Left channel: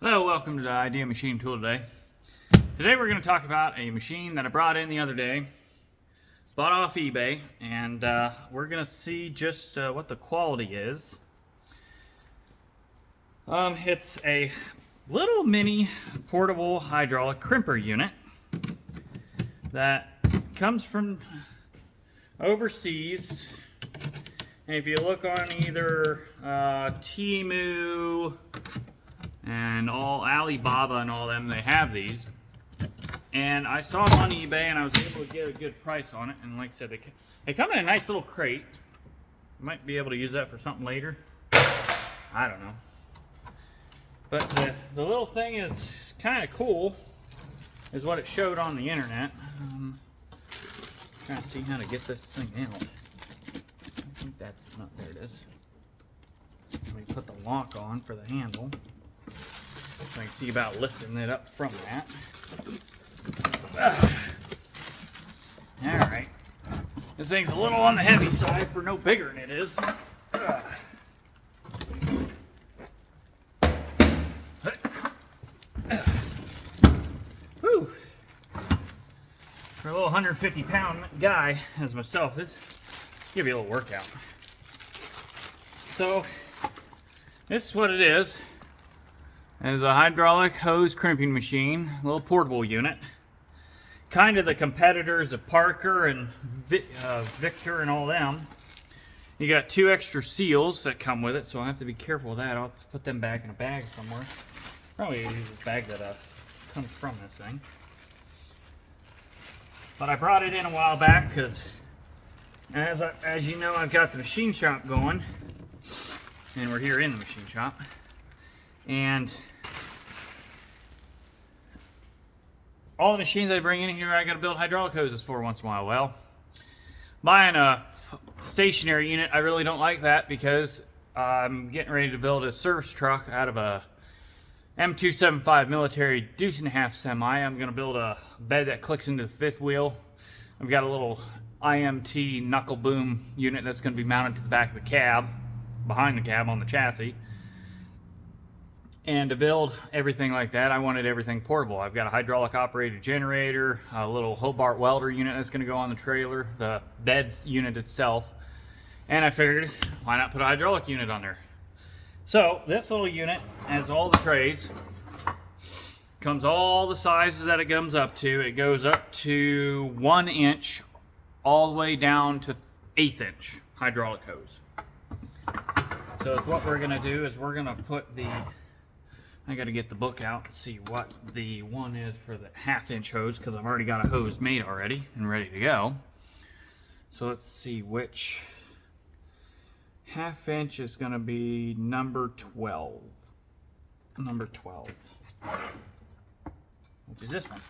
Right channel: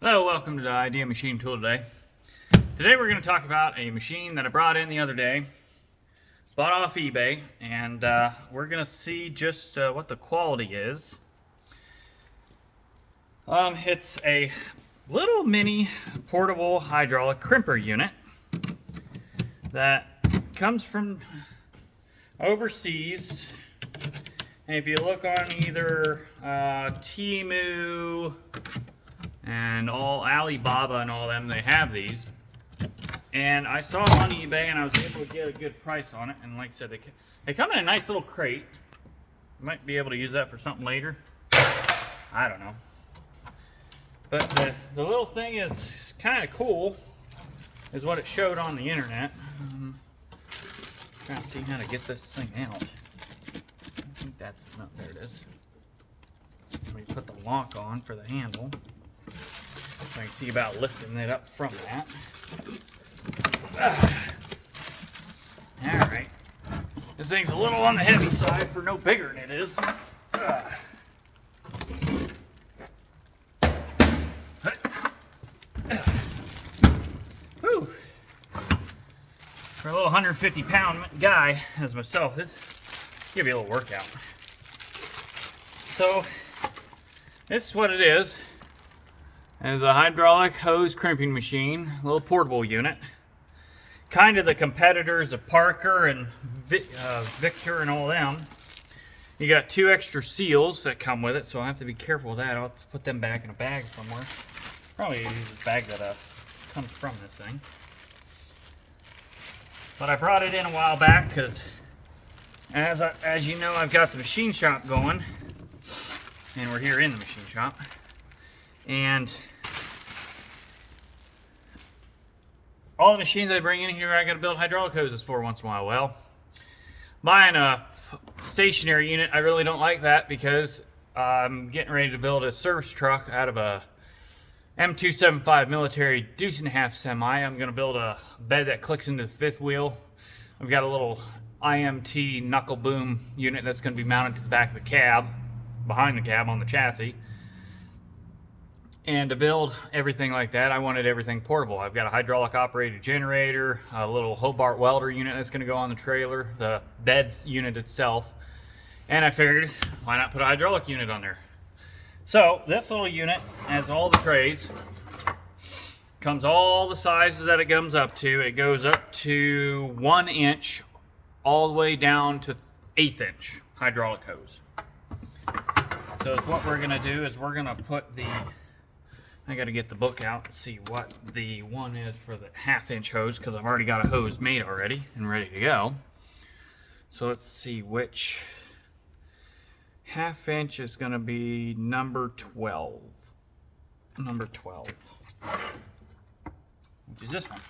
Hello, welcome to the Idea Machine Tool today. Today we're going to talk about a machine that I brought in the other day, bought off eBay, and we're going to see just what the quality is. It's a little mini portable hydraulic crimper unit that comes from overseas. And if you look on either Temu and all Alibaba and all them, they have these. And I saw them on eBay and I was able to get a good price on it. And like I said, they come in a nice little crate. Might be able to use that for something later. I don't know. But the little thing is kind of cool, is what it showed on the internet. Trying to see how to get this thing out. I think that's not, there it is. Let me put the lock on for the handle. I can see about lifting it up from that. Alright. This thing's a little on the heavy side for no bigger than it is. Whew. For a little 150-pound guy as myself, this give you a little workout. So, this is what it is. It's a hydraulic hose crimping machine, a little portable unit. Kind of the competitors of Parker and Victor and all them. You got 2 extra seals that come with it, so I have to be careful with that. I'll put them back in a bag somewhere. Probably use this bag that comes from this thing. But I brought it in a while back because, as you know, I've got the machine shop going, and we're here in the machine shop. And all the machines I bring in here, I got to build hydraulic hoses for once in a while. Well, buying a stationary unit, I really don't like that because I'm getting ready to build a service truck out of a M275 military deuce and a half semi. I'm going to build a bed that clicks into the 5th wheel. I've got a little IMT knuckle boom unit that's going to be mounted to the back of the cab, behind the cab on the chassis. And to build everything like that, I wanted everything portable. I've got a hydraulic operated generator, a little Hobart welder unit that's going to go on the trailer, the bed's unit itself, and I figured, why not put a hydraulic unit on there? So this little unit has all the trays, comes all the sizes that it comes up to. It goes up to 1 inch all the way down to 1/8 inch hydraulic hose. So it's what we're going to do is we're going to put I got to get the book out and see what the one is for the 1/2 inch hose, because I've already got a hose made already and ready to go. So let's see which 1/2 inch is going to be number 12. Number 12. Which is this one.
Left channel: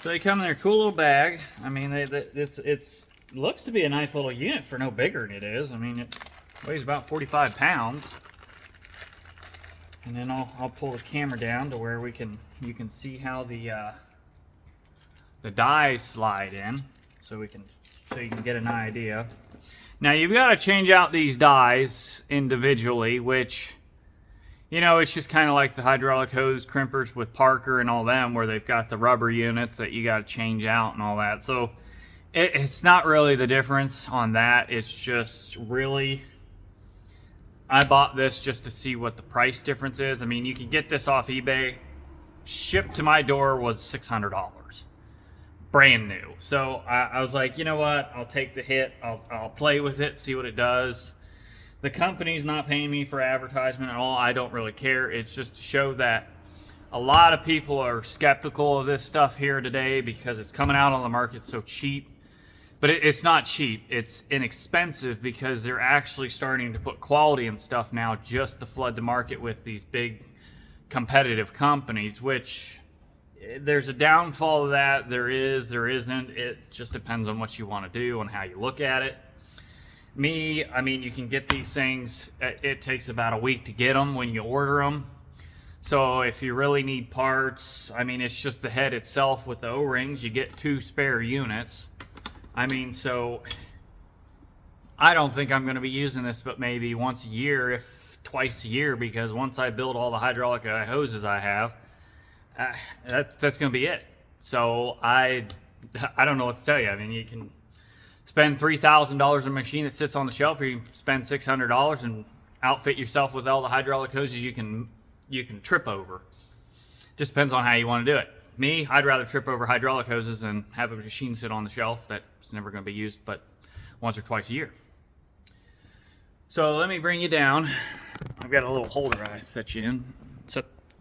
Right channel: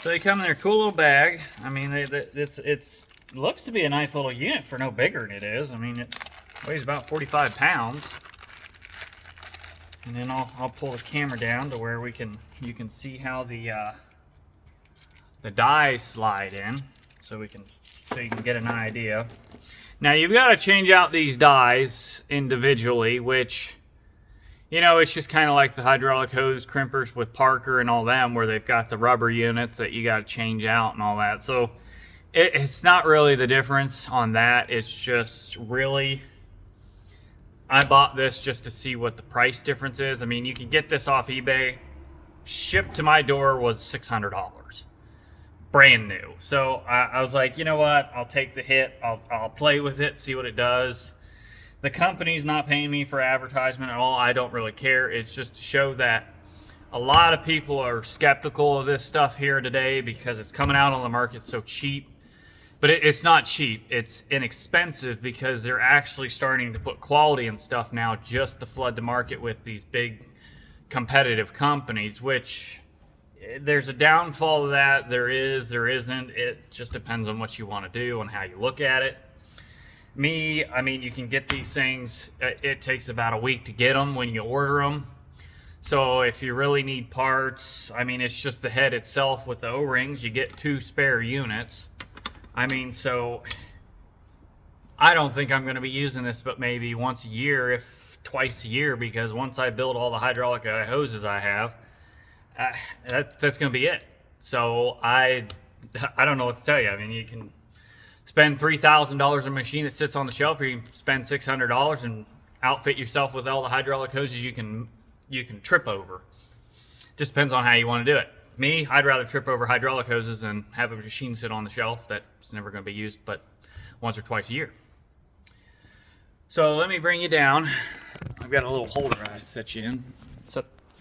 So they come in their cool little bag. I mean, it looks to be a nice little unit for no bigger than it is. I mean, it weighs about 45 pounds. And then I'll pull the camera down to where you can see how the dies slide in, so you can get an idea. Now you've got to change out these dies individually, which, you know, it's just kind of like the hydraulic hose crimpers with Parker and all them, where they've got the rubber units that you got to change out and all that. So it's not really the difference on that. It's just really, I bought this just to see what the price difference is. I mean, you can get this off eBay. Shipped to my door was $600. Brand new. So I was like, you know what? I'll take the hit. I'll play with it, see what it does. The company's not paying me for advertisement at all. I don't really care. It's just to show that a lot of people are skeptical of this stuff here today because it's coming out on the market so cheap. But it's not cheap. It's inexpensive because they're actually starting to put quality and stuff now just to flood the market with these big competitive companies, which there's a downfall of that. There is, there isn't. It just depends on what you want to do and how you look at it. I mean, you can get these things. It takes about a week to get them when you order them. So if you really need parts, I mean, it's just the head itself with the O-rings. You get 2 spare units. I mean, so I don't think I'm going to be using this but maybe once a year, if twice a year, because once I build all the hydraulic hoses I have, that's going to be it. So I don't know what to tell you. I mean, you can spend $3,000 on a machine that sits on the shelf, or you can spend $600 and outfit yourself with all the hydraulic hoses you can trip over. Just depends on how you want to do it. Me, I'd rather trip over hydraulic hoses than have a machine sit on the shelf that's never going to be used but once or twice a year. So let me bring you down. I've got a little holder I set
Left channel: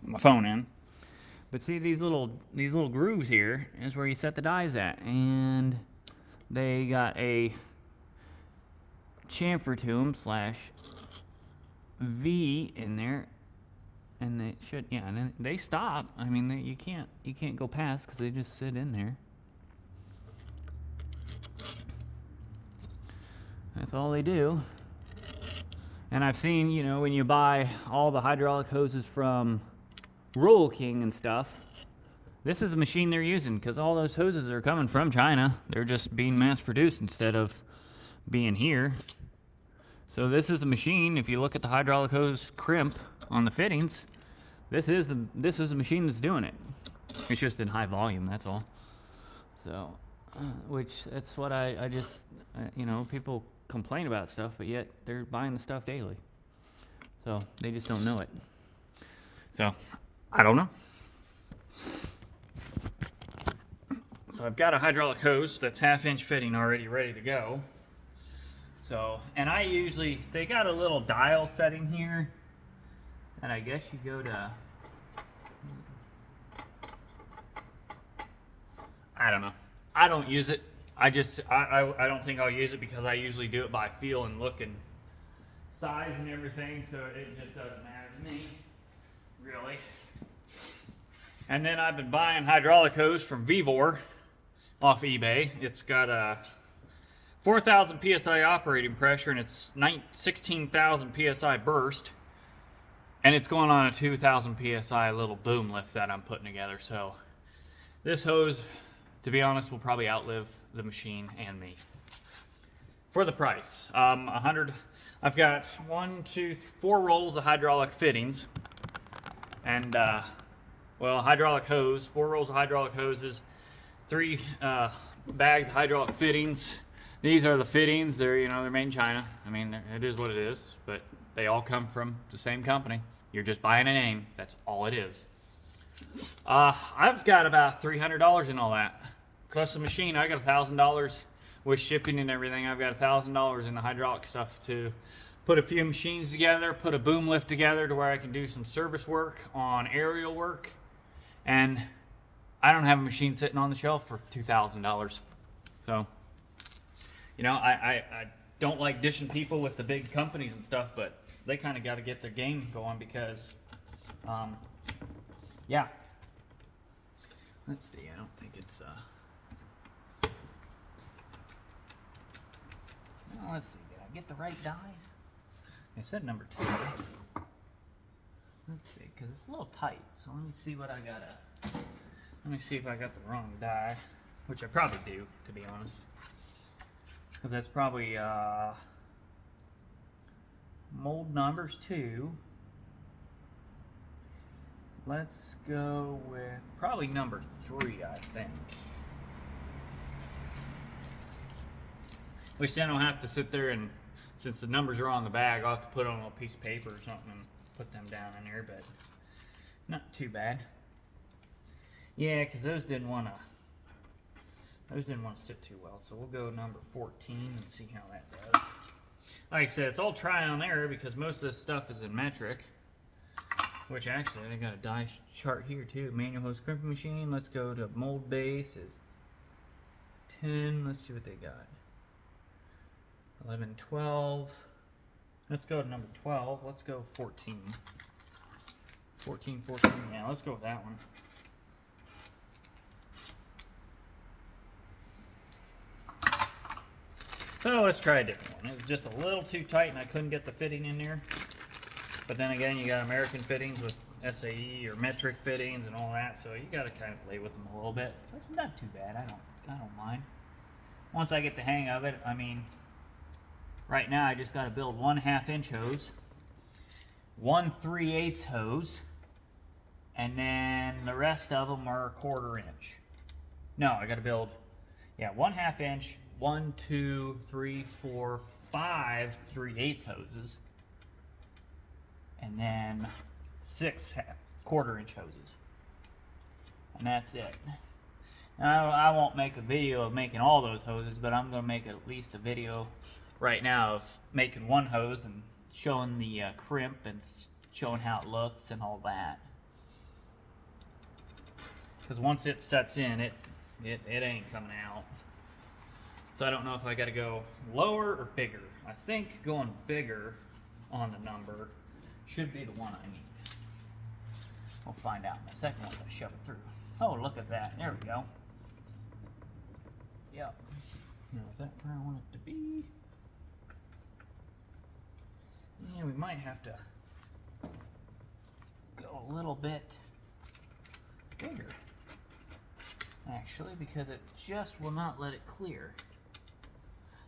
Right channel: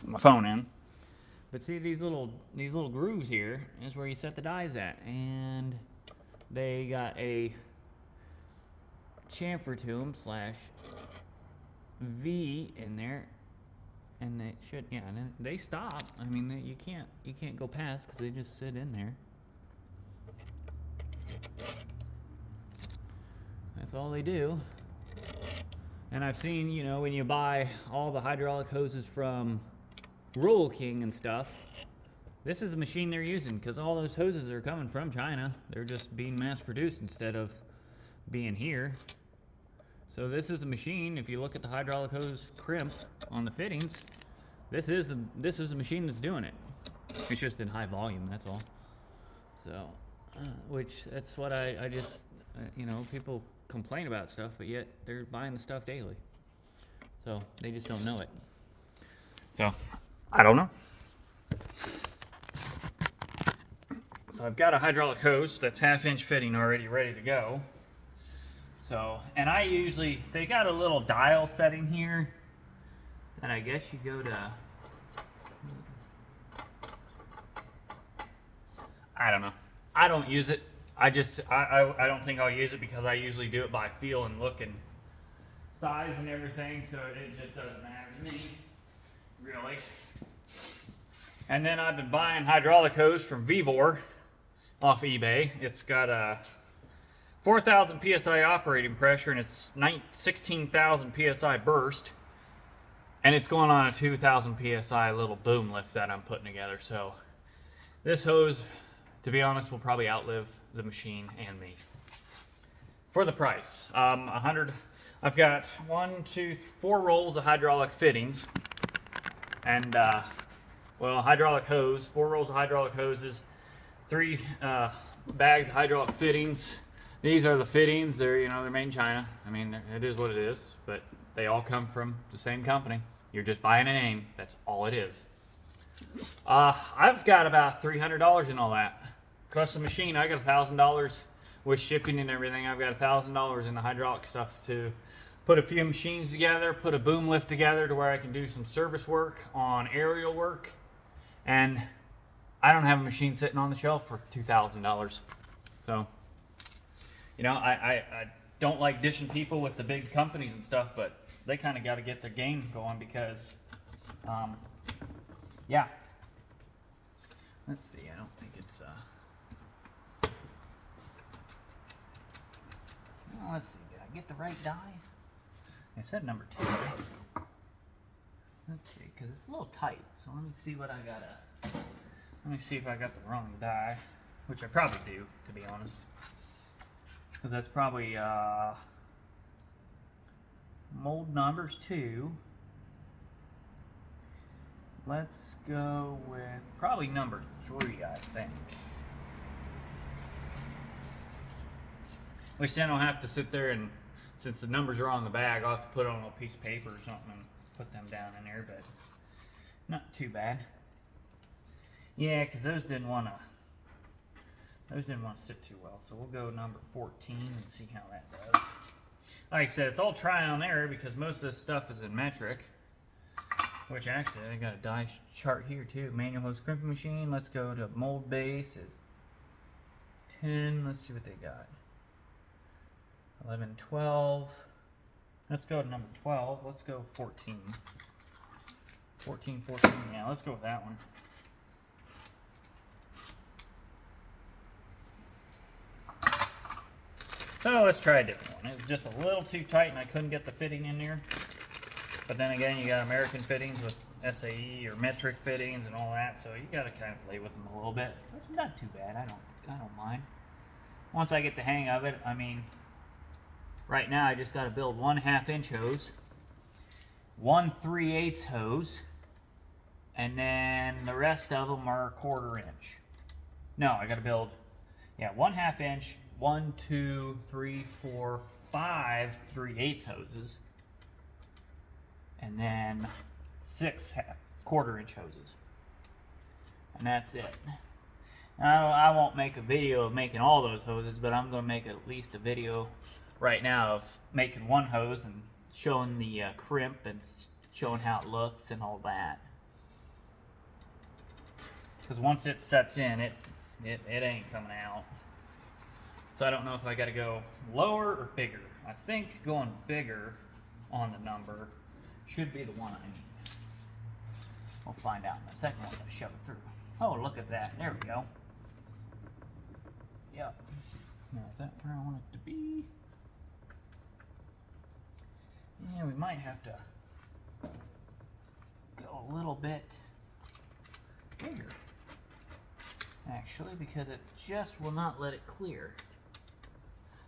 my phone in. But see these little grooves here is where you set the dies at, and they got a chamfer to them / V in there, and they should, yeah, and then they stop. I mean, you can't go past because they just sit in there. That's all they do. And I've seen, you know, when you buy all the hydraulic hoses from Roll King and stuff, this is the machine they're using, because all those hoses are coming from China. They're just being mass produced instead of being here. So this is the machine. If you look at the hydraulic hose crimp on the fittings, this is the machine that's doing it. It's just in high volume, that's all. So, which that's what I just, you know, people complain about stuff, but yet they're buying the stuff daily. So they just don't know it. So I don't know. So I've got a hydraulic hose that's 1/2-inch fitting already ready to go. So, and they got a little dial setting here, and I guess you go to, I don't know. I don't use it. I don't think I'll use it, because I usually do it by feel and look and size and everything, so it just doesn't matter to me, really. And then I've been buying hydraulic hose from Vevor off eBay. It's got a 4,000 PSI operating pressure, and it's 16,000 PSI burst, and it's going on a 2,000 PSI little boom lift that I'm putting together. So this hose, to be honest, will probably outlive the machine and me for the price. I've got 4 rolls of hydraulic fittings, and hydraulic hose, 4 rolls of hydraulic hoses, 3 bags of hydraulic fittings. These are the fittings. They're made in China. I mean, it is what it is, but they all come from the same company. You're just buying a name. That's all it is. I've got about $300 in all that. Plus the machine, I got $1,000 with shipping and everything. I've got $1,000 in the hydraulic stuff to put a few machines together, put a boom lift together to where I can do some service work on aerial work. And I don't have a machine sitting on the shelf for $2,000. So, you know, I don't like dishing people with the big companies and stuff, but they kind of got to get their game going, because, yeah. Let's see, I don't think it's, well, let's see, did I get the right die? I said number 2. Let's see, because it's a little tight, so let me see what I gotta, let me see if I got the wrong die, which I probably do, to be honest. Because that's probably, mold numbers 2. Let's go with probably number 3, I think. Which then I'll have to sit there, and since the numbers are on the bag, I'll have to put on a little piece of paper or something and put them down in there, but not too bad. Yeah, because those didn't want to sit too well, so we'll go number 14 and see how that does. Like I said, it's all trial and error, because most of this stuff is in metric. Which actually, I got a die chart here too. Manual hose crimping machine. Let's go to mold base is 10. Let's see what they got. 11, 12. Let's go to number 12. Let's go 14. 14. Yeah, let's go with that one. So let's try a different one. It was just a little too tight, and I couldn't get the fitting in there. But then again, you got American fittings with SAE or metric fittings and all that, so you got to kind of play with them a little bit. But it's not too bad. I don't mind. Once I get the hang of it, I mean, right now I just got to build 1 1/2-inch hose, one 3/8 hose, and then the rest of them are 1/4 inch. No, I gotta build, yeah, 1/2 inch, 1, 2, 3, 4, 5 3/8 hoses, and then 6 1/4 inch hoses, and that's it. I won't make a video of making all those hoses, but I'm going to make at least a video right now of making one hose and showing the crimp and showing how it looks and all that. Because once it sets in, it ain't coming out. So I don't know if I got to go lower or bigger. I think going bigger on the number should be the one I need. We'll find out in a second once I shove it through. Oh, look at that. There we go. Yep. Now, is that where I want it to be? Yeah, we might have to go a little bit bigger, actually, because it just will not let it clear.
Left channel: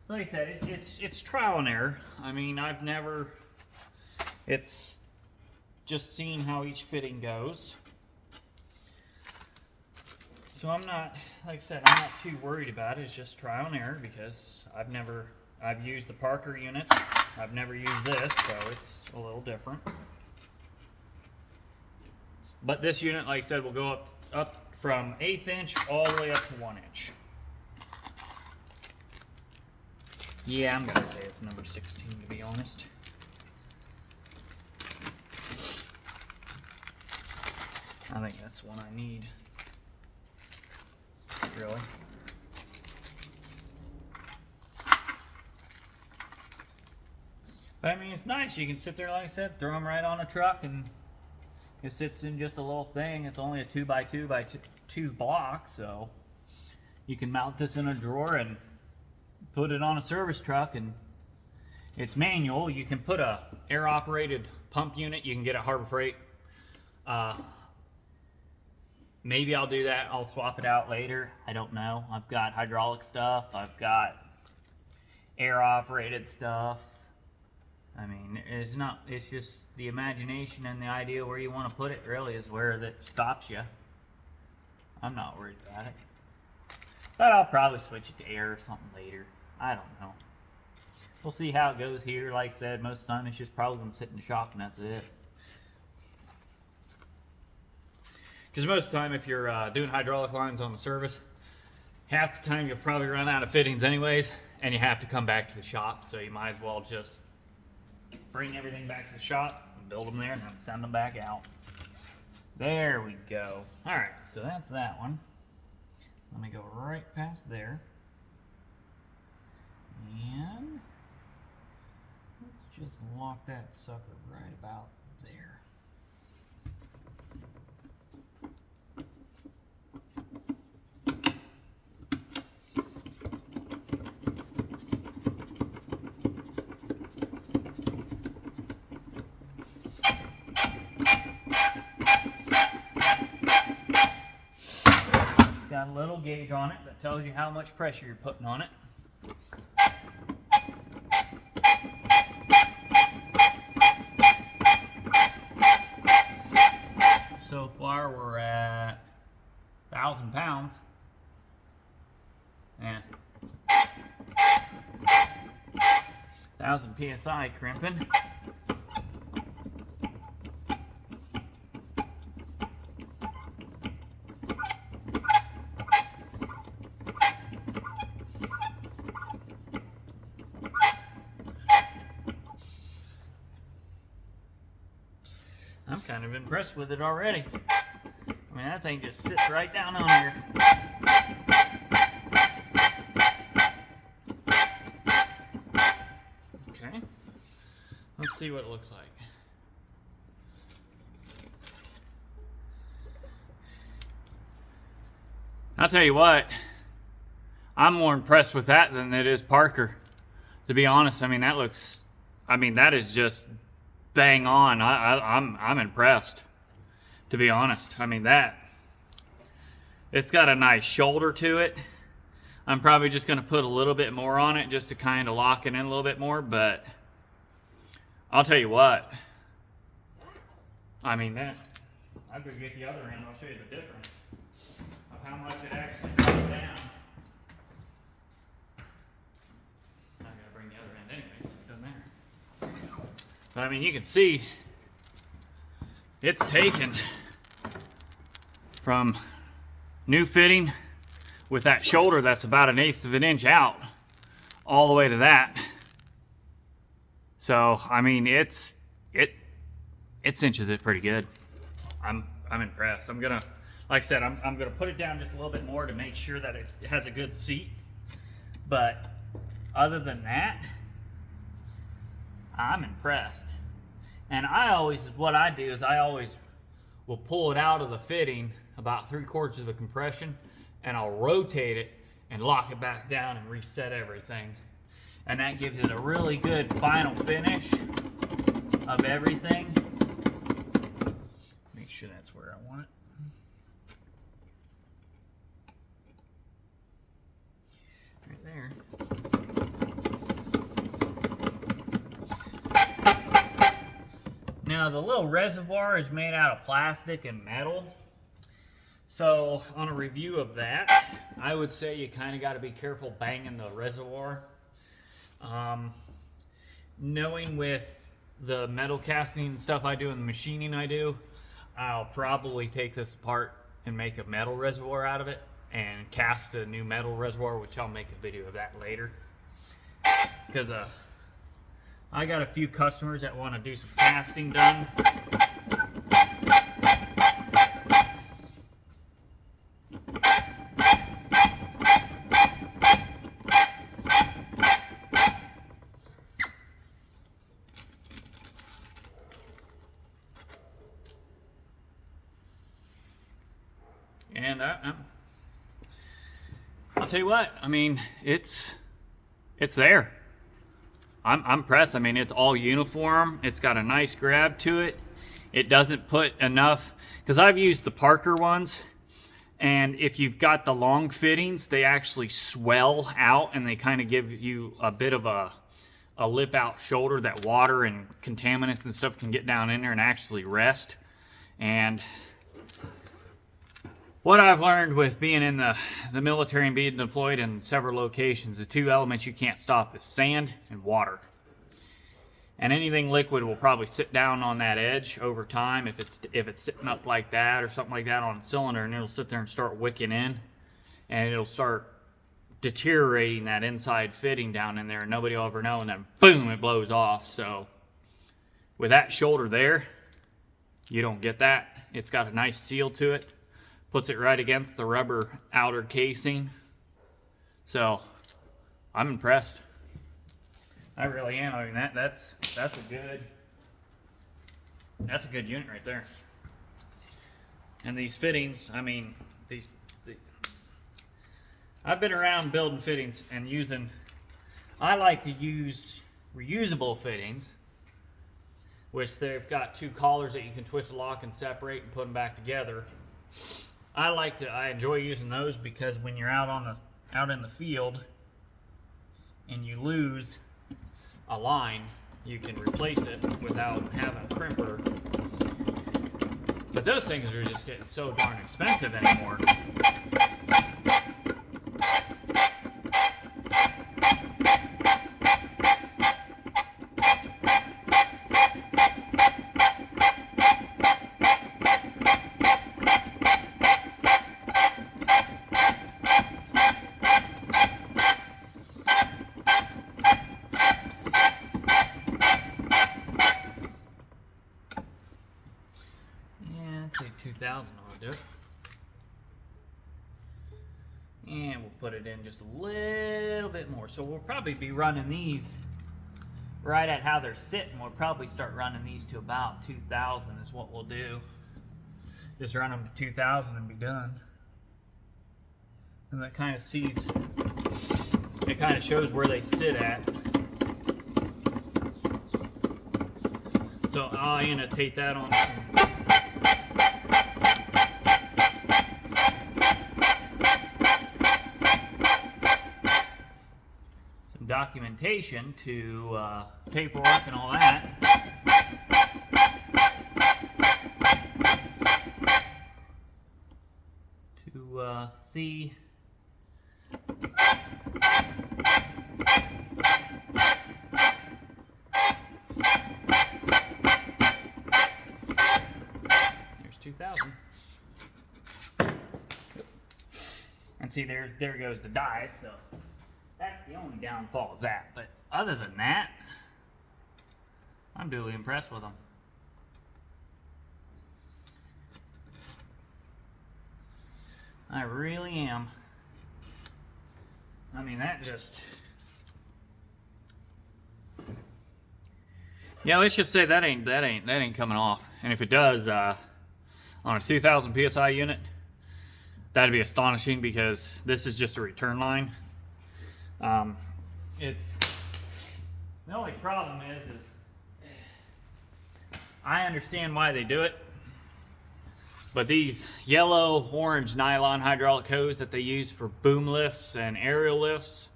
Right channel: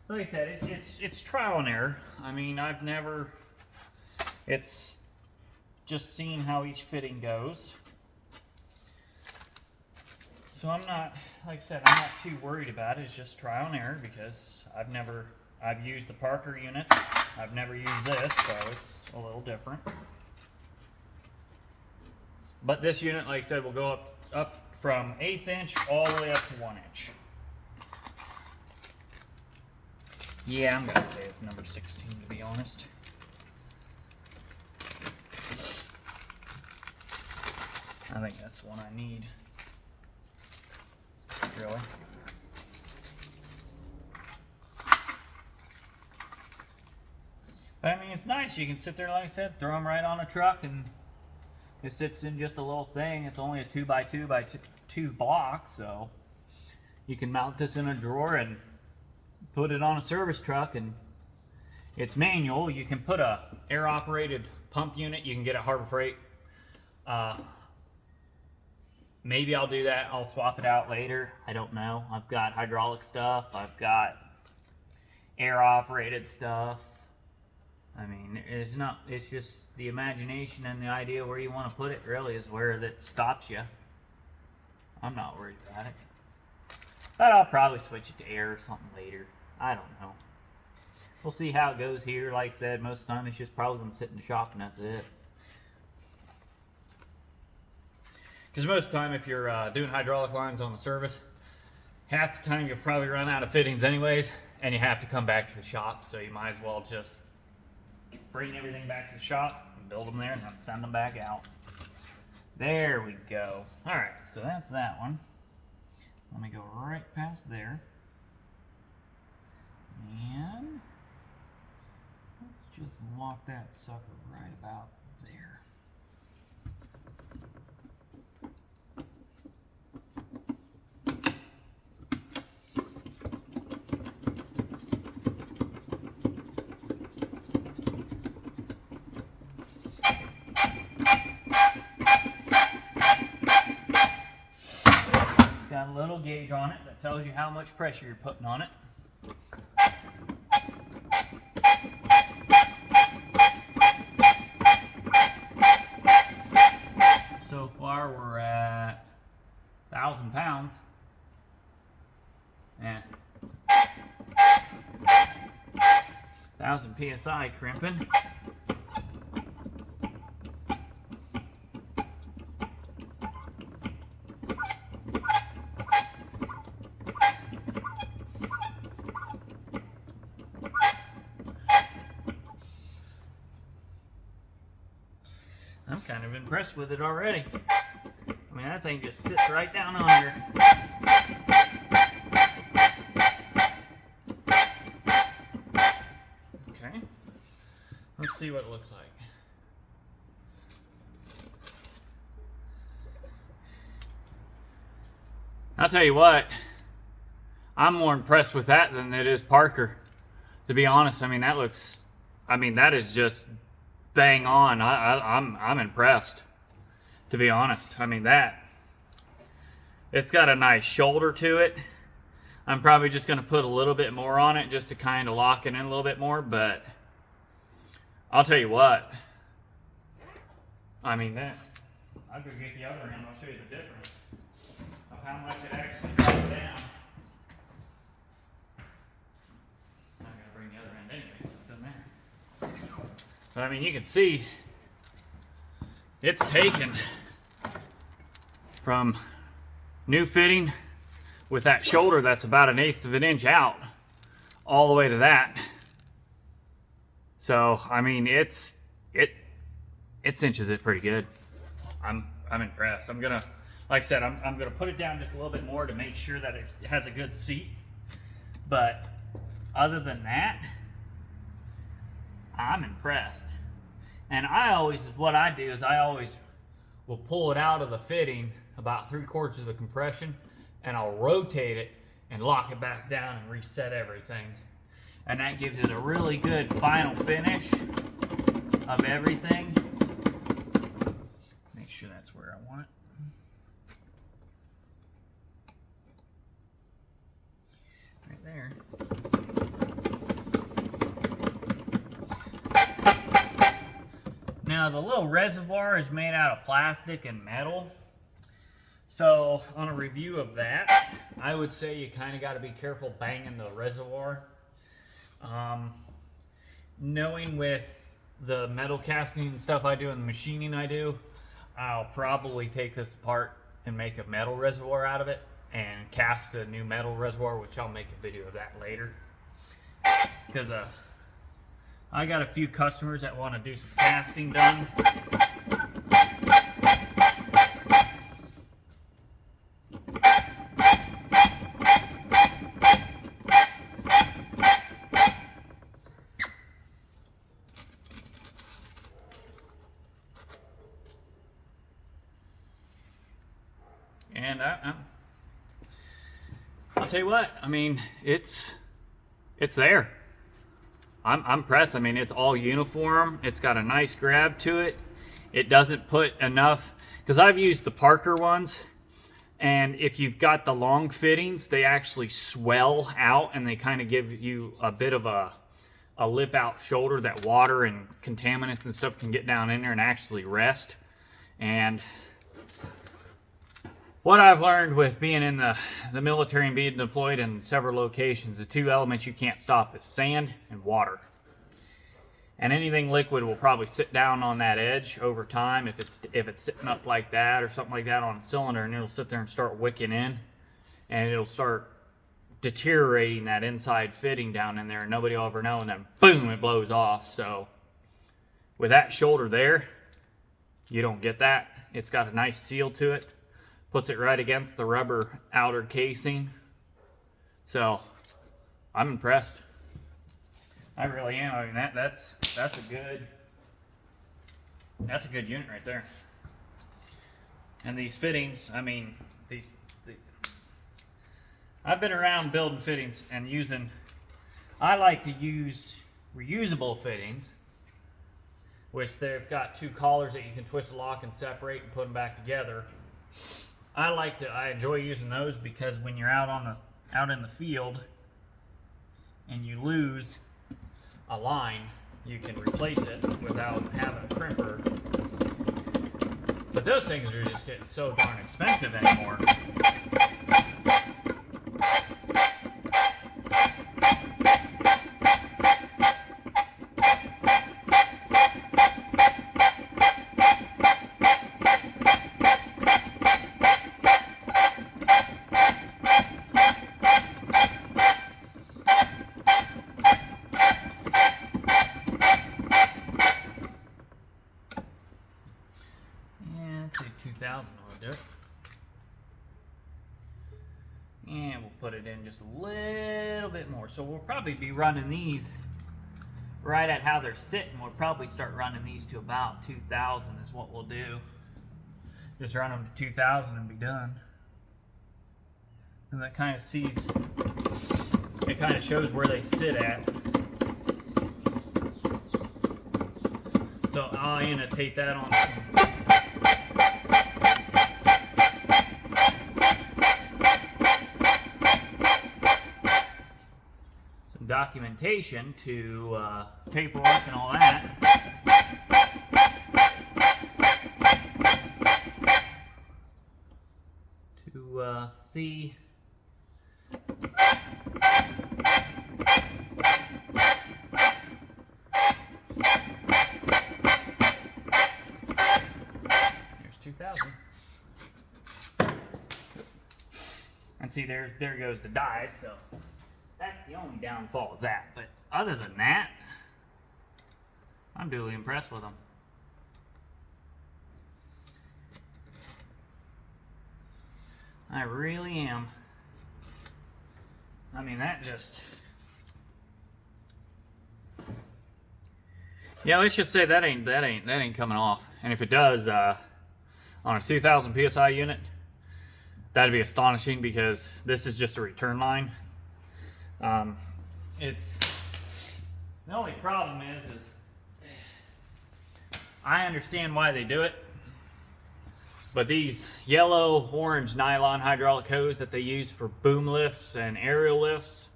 Like I said, it's trial and error. I mean, it's just seeing how each fitting goes. So I'm not, like I said, I'm not too worried about it. It's just trial and error because I've used the Parker units. I've never used this, so it's a little different. But this unit, like I said, will go up from 1/8 inch all the way up to 1 inch. Yeah, I'm gonna say it's number 16 to be honest. I think that's the one I need. Really. But I mean, it's nice. You can sit there, like I said, throw them right on a truck, and it sits in just a little thing. It's only a 2x2x2 block, so you can mount this in a drawer and put it on a service truck. And it's manual. You can put a air-operated pump unit. You can get at Harbor Freight. Maybe I'll do that. I'll swap it out later. I don't know. I've got hydraulic stuff. I've got air-operated stuff. I mean, it's just the imagination and the idea where you want to put it really is where that stops you. I'm not worried about it. But I'll probably switch it to air or something later. I don't know. We'll see how it goes here. Like I said, most of the time it's just probably going to sit in the shop and that's it. Because most of the time, if you're doing hydraulic lines on the service, half the time you'll probably run out of fittings anyways, and you have to come back to the shop. So you might as well just bring everything back to the shop, and build them there, and then send them back out. There we go. All right, so that's that one. Let me go right past there. And let's just lock that sucker right about there. Got a little gauge on it that tells you how much pressure you're putting on it. So far we're at 1,000 pounds. Yeah. 1,000 PSI crimping. I'm kind of impressed with it already. I mean, that thing just sits right down on here. Okay, let's see what it looks like. I'll tell you what, I'm more impressed with that than it is Parker. To be honest, I mean, that is just bang on. I'm impressed, to be honest. I mean, it's got a nice shoulder to it. I'm probably just going to put a little bit more on it just to kind of lock it in a little bit more, but I'll tell you what, I mean that, I better get the other end, I'll show you the difference of how much it actually goes down. I'm gonna bring the other end anyway, so it doesn't matter. So, I mean, you can see it's taken from new fitting with that shoulder that's about 1/8 of an inch out all the way to that. So I mean, it cinches it pretty good. I'm impressed. I'm gonna, like I said, I'm gonna put it down just a little bit more to make sure that it has a good seat. But other than that, I'm impressed. And what I do is I always will pull it out of the fitting about 3/4 of the compression, and I'll rotate it and lock it back down and reset everything. And that gives it a really good final finish of everything. Make sure that's where I want it. Right there. Now the little reservoir is made out of plastic and metal. So on a review of that, I would say you kind of got to be careful banging the reservoir. Knowing with the metal casting and stuff I do and the machining I do, I'll probably take this apart and make a metal reservoir out of it and cast a new metal reservoir, which I'll make a video of that later. Because I got a few customers that want to do some casting done. And I'll tell you what, I mean, it's there. I'm impressed. I mean, it's all uniform. It's got a nice grab to it. It doesn't put enough, because I've used the Parker ones, and if you've got the long fittings, they actually swell out and they kind of give you a bit of a lip out shoulder that water and contaminants and stuff can get down in there and actually rest. And what I've learned with being in the military and being deployed in several locations, the two elements you can't stop is sand and water. And anything liquid will probably sit down on that edge over time if it's sitting up like that or something like that on a cylinder, and it'll sit there and start wicking in, and it'll start deteriorating that inside fitting down in there, and nobody will ever know, and then boom, it blows off. So with that shoulder there, you don't get that. It's got a nice seal to it. Puts it right against the rubber outer casing. So I'm impressed. I really am. I mean, that's a good unit right there. And these fittings, I mean, I've been around building fittings and using, I like to use reusable fittings, which they've got two collars that you can twist, lock, and separate and put them back together. I enjoy using those because when you're out in the field and you lose a line, you can replace it without having a crimper. But those things are just getting so darn expensive anymore. And we'll put it in just a little bit more. So we'll probably be running these right at how they're sitting. We'll probably start running these to about 2,000 is what we'll do. Just run them to 2,000 and be done. And that kind of it kind of shows where they sit at. So I'll annotate that on some documentation to paperwork and all that. see. There's 2,000. And see, there goes the die, so that's the only downfall is that. But other than that, I'm duly impressed with them. I really am. I mean, that just... Yeah, let's just say that ain't coming off. And if it does, on a 2,000 PSI unit, that'd be astonishing because this is just a return line. It's... The only problem is I understand why they do it. But these yellow, orange nylon hydraulic hose that they use for boom lifts and aerial lifts,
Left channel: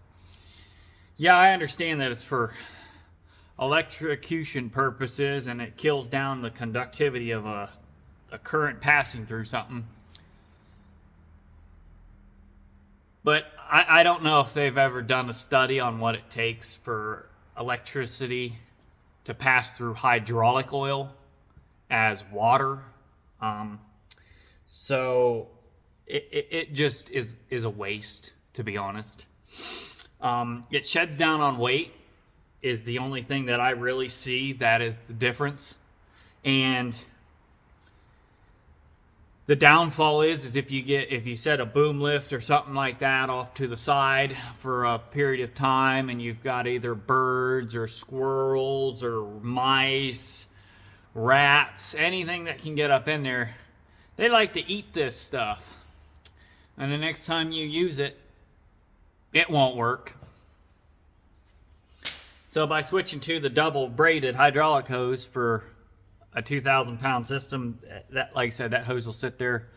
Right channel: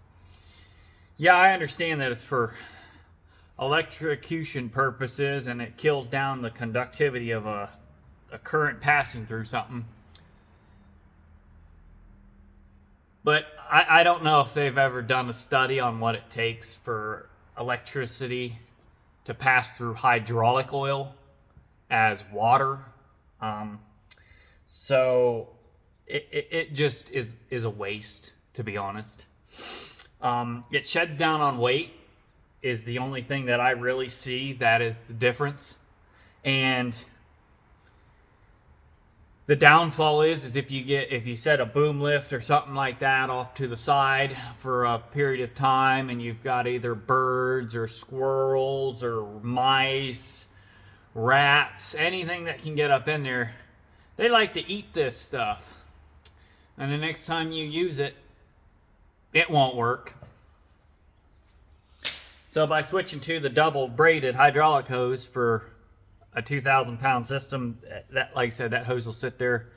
yeah, I understand that it's for electrocution purposes and it kills down the conductivity of a current passing through something. But I don't know if they've ever done a study on what it takes for electricity to pass through hydraulic oil as water. So it just is a waste, to be honest. It sheds down on weight is the only thing that I really see that is the difference. And the downfall is if you set a boom lift or something like that off to the side for a period of time and you've got either birds or squirrels or mice, rats, anything that can get up in there, they like to eat this stuff. And the next time you use it, it won't work. So by switching to the double braided hydraulic hose for a 2,000 pound system, that, like I said, that hose will sit there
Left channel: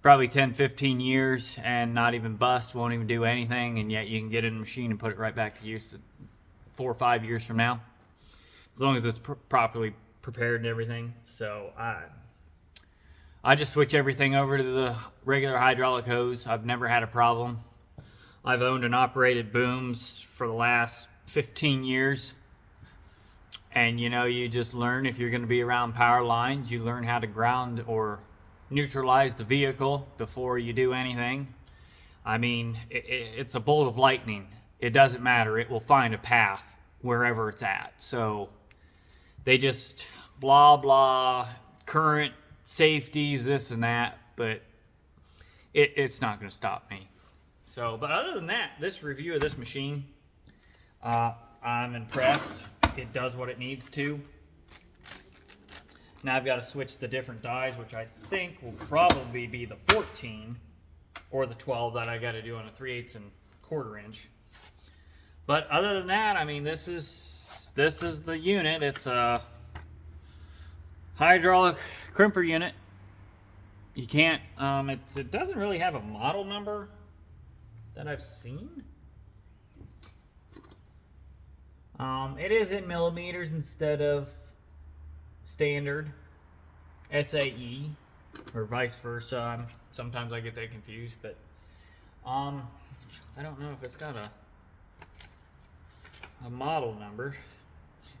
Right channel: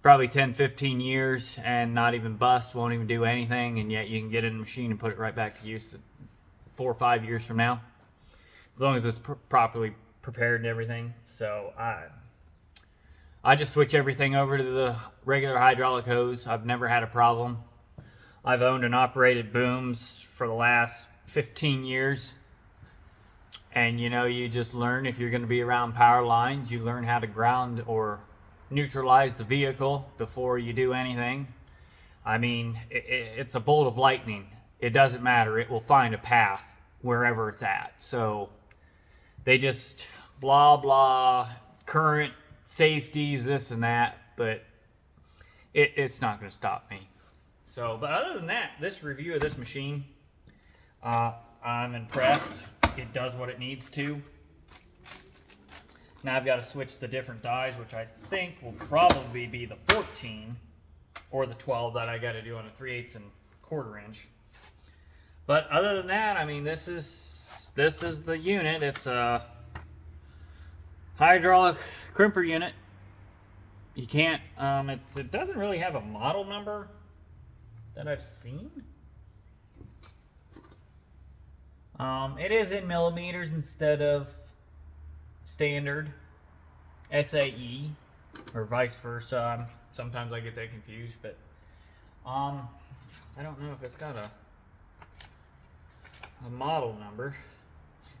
probably 10-15 years and not even bust, won't even do anything, and yet you can get it in the machine and put it right back to use 4 or 5 years from now, as long as it's properly prepared and everything. So I just switch everything over to the regular hydraulic hose. I've never had a problem. I've owned and operated booms for the last 15 years. And you know, you just learn, if you're going to be around power lines, you learn how to ground or neutralize the vehicle before you do anything. I mean, it's a bolt of lightning. It doesn't matter. It will find a path wherever it's at. So they just blah, blah, current, safeties, this and that, but it's not going to stop me. So, but other than that, this review of this machine, I'm impressed. It does what it needs to. Now I've got to switch the different dies, which I think will probably be the 14 or the 12 that I got to do on a 3/8 and 1/4 inch. But other than that, I mean, this is the unit. It's a hydraulic crimper unit. You can't, it doesn't really have a model number that I've seen. It is in millimeters instead of standard SAE, or vice versa. Sometimes I get that confused, but I don't know if it's got a model number.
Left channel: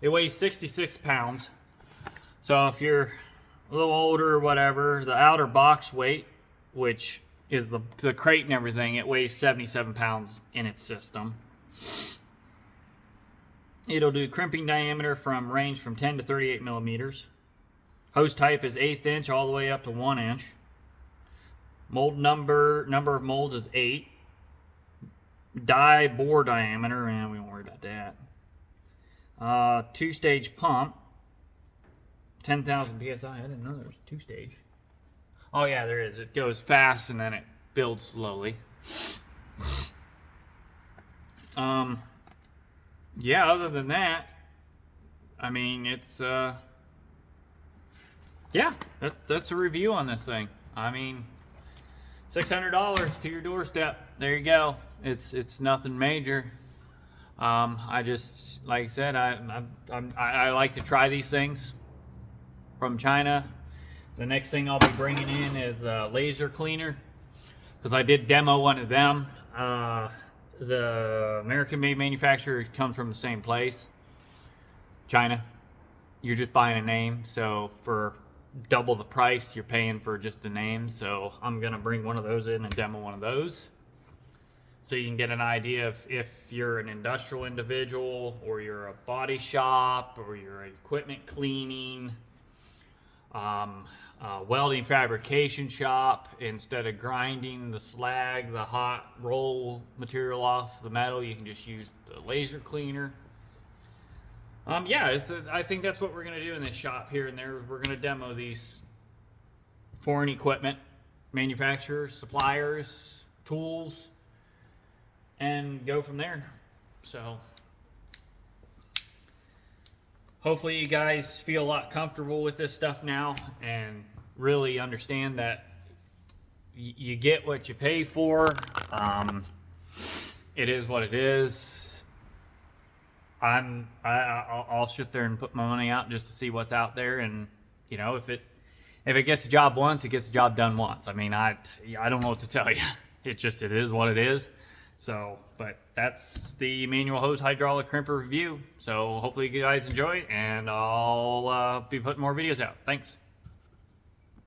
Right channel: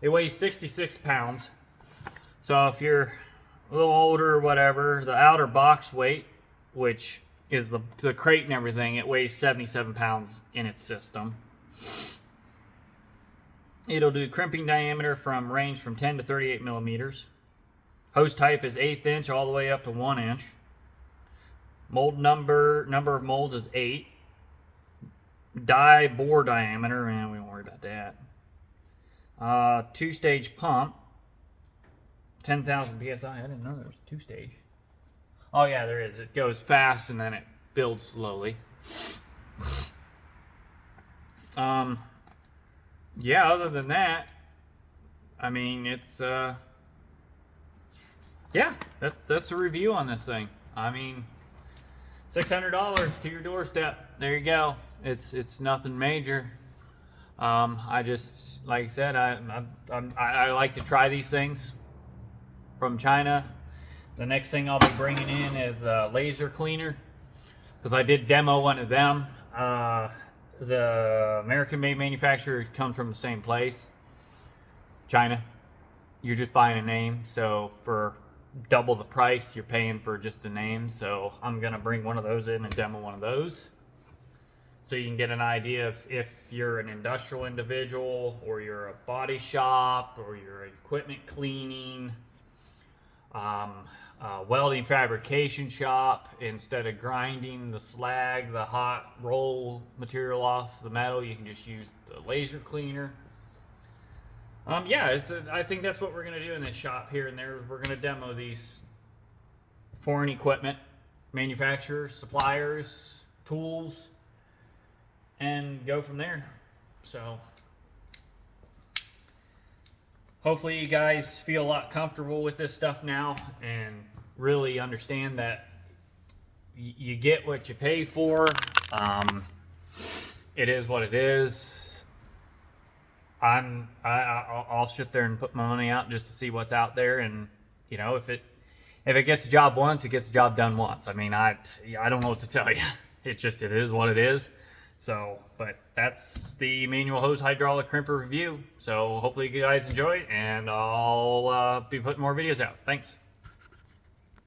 It weighs 66 pounds. So if you're a little older or whatever, the outer box weight, which is the crate and everything, it weighs 77 pounds in its system. It'll do crimping diameter from range from 10 to 38 millimeters. Hose type is 1/8 inch all the way up to 1 inch. Mold number of molds is 8. Die bore diameter, and we won't worry about that. 2-stage pump, 10,000 PSI. I didn't know there was 2-stage. Oh yeah, there is. It goes fast and then it builds slowly. Yeah, other than that, I mean, it's, yeah, that's a review on this thing. I mean, $600 to your doorstep. There you go. It's nothing major. I just, like I said, I like to try these things from China. The next thing I'll be bringing in is a laser cleaner, because I did demo one of them. The American-made manufacturer comes from the same place, China. You're just buying a name, so for double the price, you're paying for just a name. So I'm gonna bring one of those in and demo one of those, so you can get an idea if you're an industrial individual, or you're a body shop, or you're equipment cleaning, welding fabrication shop. Instead of grinding the slag, the hot roll material off the metal, you can just use the laser cleaner. Yeah, I think that's what we're going to do in this shop here and there. We're going to demo these foreign equipment manufacturers, suppliers, tools, and go from there. So hopefully you guys feel a lot comfortable with this stuff now and really understand that you get what you pay for. It is what it is. I'll sit there and put my money out just to see what's out there, and you know, if it gets the job once, it gets the job done once. I mean, I don't know what to tell you. It is what it is. So, but that's the manual hose hydraulic crimper review. So hopefully you guys enjoy it, and I'll be putting more videos out. Thanks.